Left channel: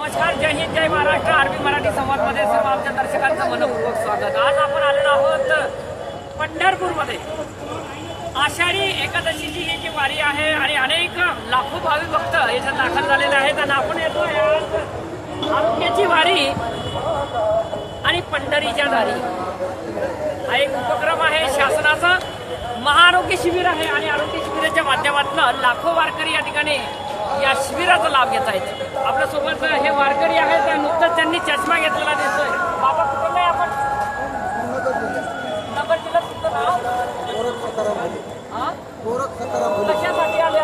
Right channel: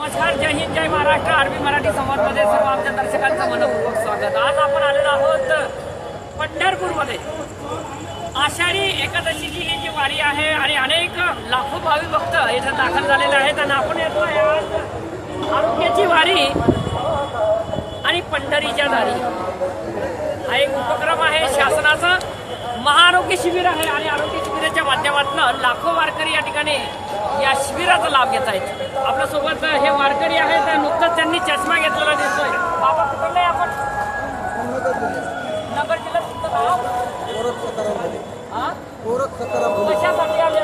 नमस्कार, जय हिंद, जय महाराष्ट्र. आरबी मराठी संवादमध्ये सर्व आमच्या दर्शकांचं मनपूर्वक स्वागत. आज आपण आलेलो आहोत पंढरपूरमध्ये. आषाढी एकादशीची ही जी वारी आहे आणि अनेक लाखो भाविक भक्त इथे दाखल झालेले आहेत आणि आपण येतोय आज आरोग्याची वारी आणि पंढरीच्या दारी. हा एक उपक्रम आहे शासनाचा. महाआरोग्य शिबिर आहे आणि आरोग्य शिबिराच्या माध्यमातून लाखो वारकरी या ठिकाणी या शिबिराचा लाभ घेत आहेत. आपल्यासोबत हे वारकरी आहेत. नुकतंच त्यांनी चष्मा घेतलेला दिसतोय. बाबा कुठं नाही आपण नगर जिल्ह्यात तुमचं नाव कशासाठी आले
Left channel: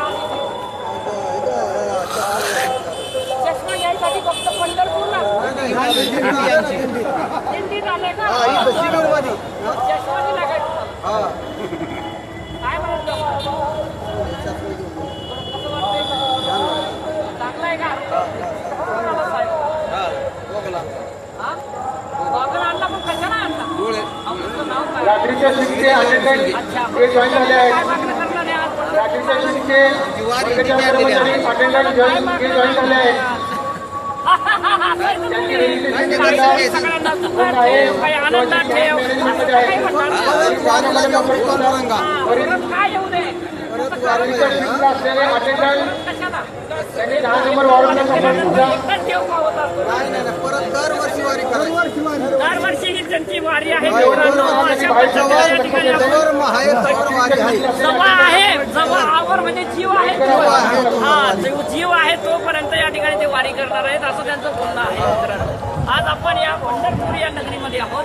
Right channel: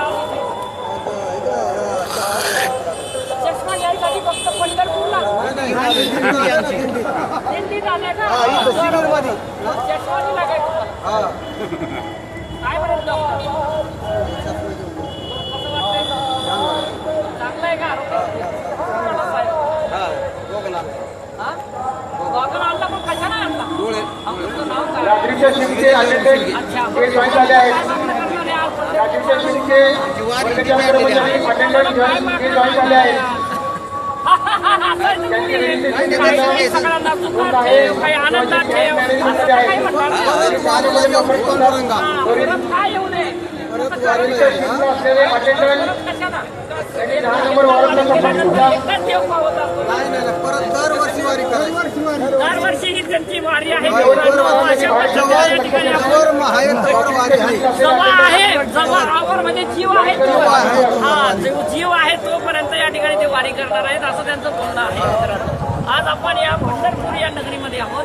चष्मा घ्यायसाठी फक्त पंढरपूरला दिंडीत आले का? चष्मा दिला काय तुम्हाला? काय म्हणत कसं वाटतंय? चांगलं आहे का? साहेब गॉगल आणला पण कशाला आणला? तुमचं नाव काय? अच्छा, काय मागणं करणार आहे आज? सगळ्यांना सुखात ठेव, काही आनंदात ठेव, असं काही म्हणतात. काय येऊ नये कशाला? परत दरवर्षी वारी करायची. दरवर्षी ही त्यांची वारी आहे मित्रांनो. अशा पद्धतीने या ठिकाणी जवळ आहे, जवळ आवर म्हणजे जीव आहे, जीव आहे तोपर्यंत या ठिकाणी ते वारी करणार आहेत असं त्यांचं बोलणं आहे मित्रांनो. आज आपण या पंढरपूर या नगरीमध्ये आहोत.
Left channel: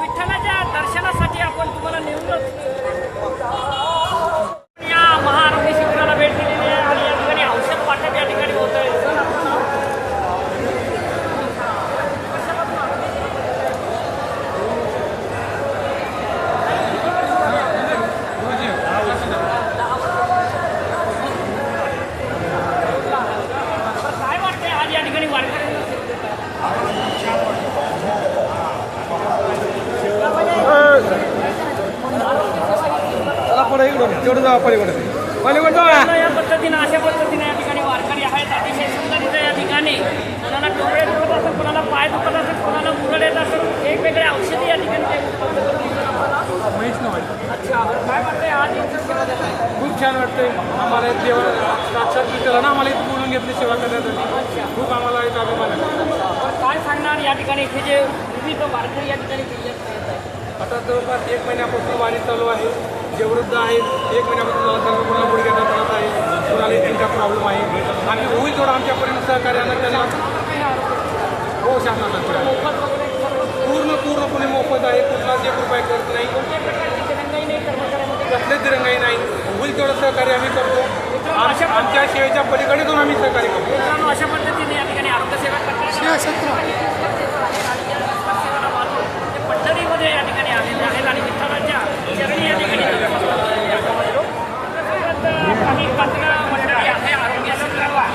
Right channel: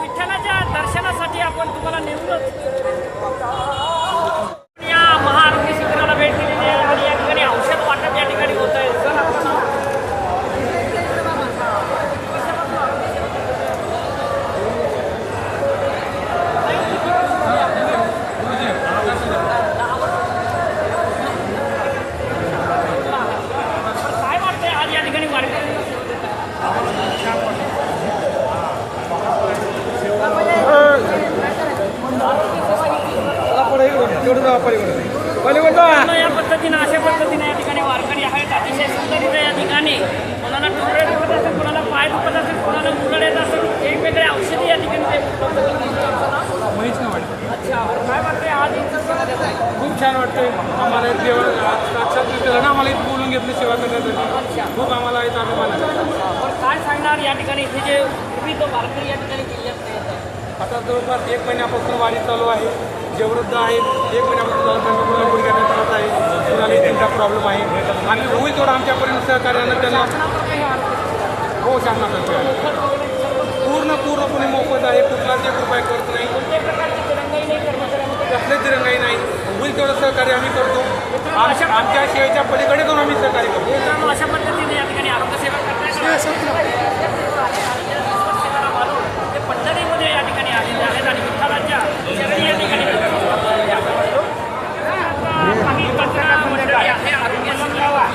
विठ्ठलाच्या दर्शनासाठी आपण तुम्हाला नेऊनच या महाआरोग्य शिबिराला भेट दिलेली आहे आणि या ठिकाणी औषध वाटप या ठिकाणी होत आहे. सर, आपलं नाव? काय वाटतंय आज या ठिकाणी वारकऱ्यांना सेवा देतात? आम्हाला छान वाटतं. या पद्धतीने अशा पद्धतीने या ठिकाणी वारकरी आहेत. अतिशय सुंदर इथे या ठिकाणी कोणाला टोंगळे दुखत असेल, कोणाला पाय दुखत असेल, कोणाला मुरड येत असेल, वेगवेगळे औषधी या ठिकाणी ते उपलब्ध करतात. महेश नवाडी. अच्छा, बरं, काय वाटते आज सेवा देत आहे? खूप छान वाटतंय आम्हाला. देवा साक्षात विठ्ठल ना आम्हाला इथं बोलून घेतलं सेवा करण्यासाठी. अच्छा, खूप आम्हाला इथं अभिमान आहे. बरं, काय सांगणार या ठिकाणी इथे जे विविध वारकरी या ठिकाणी जिल्ह्यात येत आहे? आता जवळपास 1 महिन्यापासून वारी चालू आहे. जे वृद्ध आहेत 1 महिन्यापासून त्यांना पूर्ण गुडघ्याचा त्रास आहे, कुणाला इथेचा प्रॉब्लेम आहे. आम्ही होईल थोडं आमच्यापर्यंत सहकार्यानं त्यांना. हो, शासनातर्फे आहे. पूर्णपणे मोफत आहे. कुठलाच 1 रुपया करत नाही, कसलेच दिरंगाई नाही. होईल तेवढं सहकार्य आम्ही करतो. आमच्या सेवेच्या पलीकडे जाऊन आम्ही सहकार्य करतो. अशा पद्धतीने या ठिकाणी आरोग्य सेवा करतात. ते पंढरीमध्ये या ठिकाणी आलेले आहेत आणि विठ्ठलाच्या चरणी या ठिकाणी काही कचरा मंडळी आहे आरोग्य शिबिरावर.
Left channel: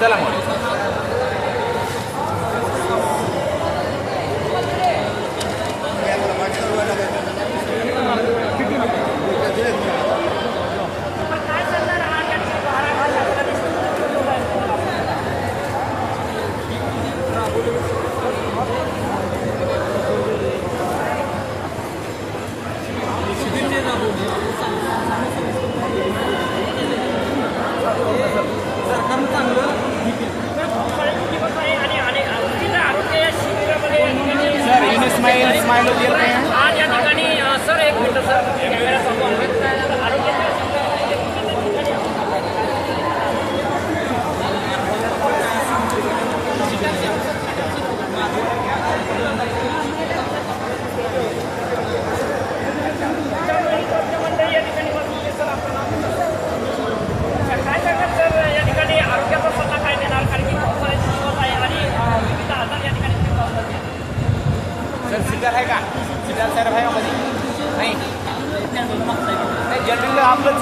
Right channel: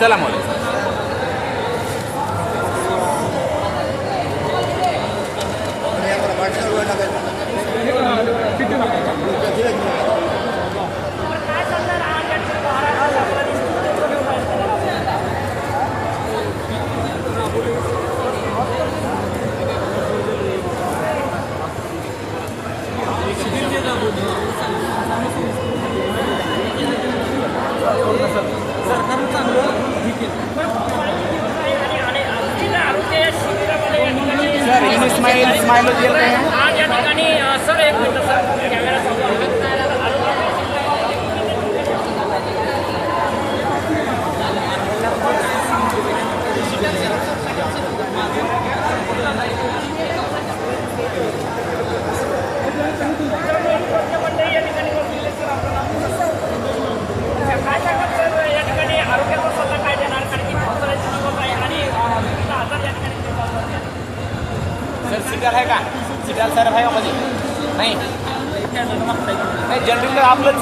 चला काय सांगणार आज या ठिकाणी महाराष्ट्र शासनाने सरकारनं चांगलं दिवस आहे आणि विविध आरोग्य शिबिरामध्ये या ठिकाणी आज या ठिकाणी सर, 1 मिनिट सर, कॅमेरा चालू आहे. आरोग्य मंडळी या ठिकाणी बसलेले. सर, आपलं नाव? काय सांगणार सर, या ठिकाणी आरोग्याचा सल्ला काय देणार? कारण की पावसाळ्याचे दिवस आहे आणि विविध आजार या ठिकाणी सर, सिगार आहे का? सिगार सर आहे का? म्हणजे नाही जनरल आपलं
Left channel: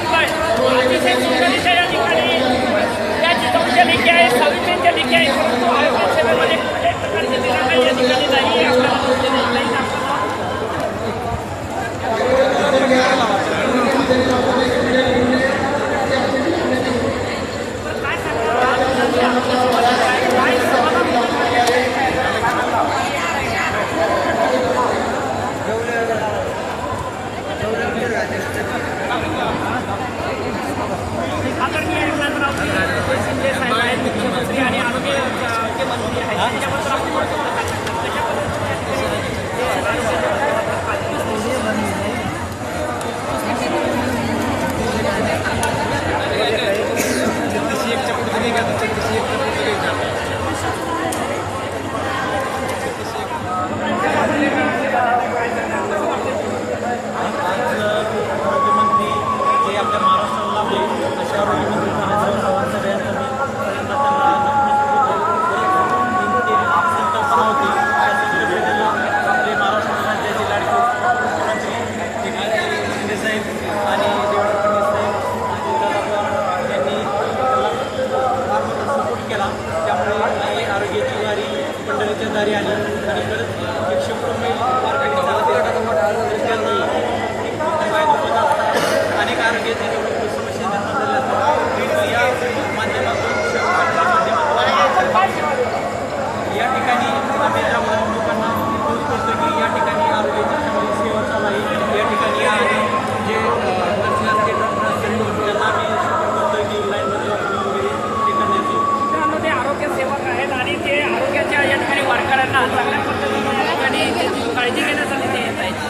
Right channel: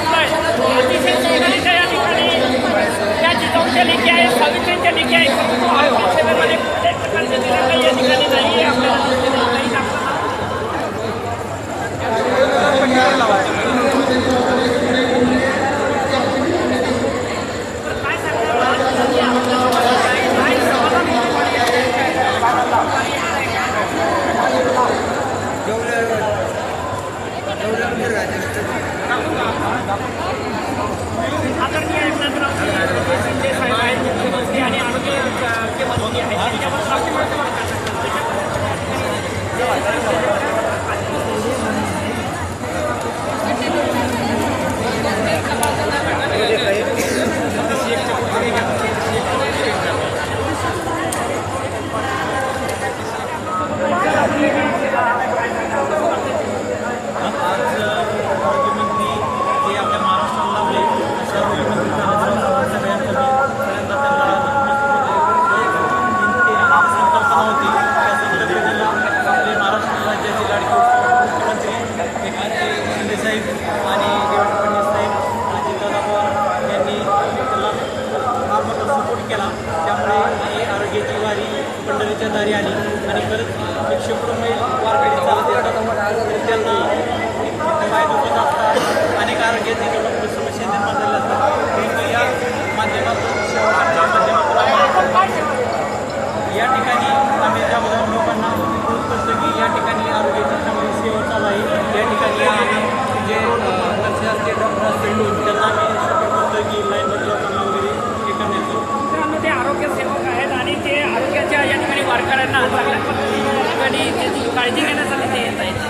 आपलं अतिशय सुंदरीच्या या ठिकाणी त्या जिजाऊच्या लेखी आहे, सावित्रींच्या लेखी आहे, परंतु आरोग्य सेवेमध्ये कुठल्याही प्रकारचे तिरंगा या ठिकाणी नाही आहे. आपल्याला दिसले नाही. काही आपलं नाव तर काय सांगणार आज सध्या आपल्यासोबत आहे, काय समाधान आदरणीय एकनाथरावजी शिंदे साहेब आहेत, मुख्यमंत्री आणि आरोग्य मंत्री आहेत. त्यांच्याबद्दल आपण काय सांगतात? कशा पद्धतीने या ठिकाणी जे आरोग्याच्या माध्यमातून कार्य आज आरोग्यमंत्री जे आपल्या महाराष्ट्राला लाभले अशा आरोग्यमंत्री तानाजीराव सावंत यांचं मी पहिल्यांदा त्यांना नतमस्तक होतो. ती संकल्पना होती, त्या संकल्पनेला आपले महाराष्ट्र राज्याचे लाडके मुख्यमंत्री एकनाथजी शिंदेसाहेब आणि देवेंद्र फडणवीस साहेब अजितदादा पवार यांनी त्याला फार मोठा सपोर्ट केला. त्यामुळे ही आरोग्याची वारी पंढरीच्या दारी आली आणि खरंच 100 मैल वारकरी चालत येतात, तर त्यांना पाय दुखत असतात, अनेक आरोग्याचे समस्या निर्माण झाल्या असतात. परंतु या माध्यमातून सेवा करण्याच्या माध्यमातून या ठिकाणी आम्ही जागोजाग लोकांना प्रोत्साहित करतो की या ठिकाणी आरोग्याची चांगली सेवा चालू आहे. या ठिकाणी या आणि जे नर्सेस असतील, डॉक्टर असतील, त्यांना आम्ही सपोर्ट करतो की लाईनमध्ये लोकांना वगैरे हे करण्याचं. मित्रांनो, ते आरोग्य सेवक आहेत आणि ते आरोग्याच्या या ठिकाणी वारकऱ्यांना चांगल्या पद्धतीने या ठिकाणी त्याची काळजी घेण्यासाठी ते येत आहेत.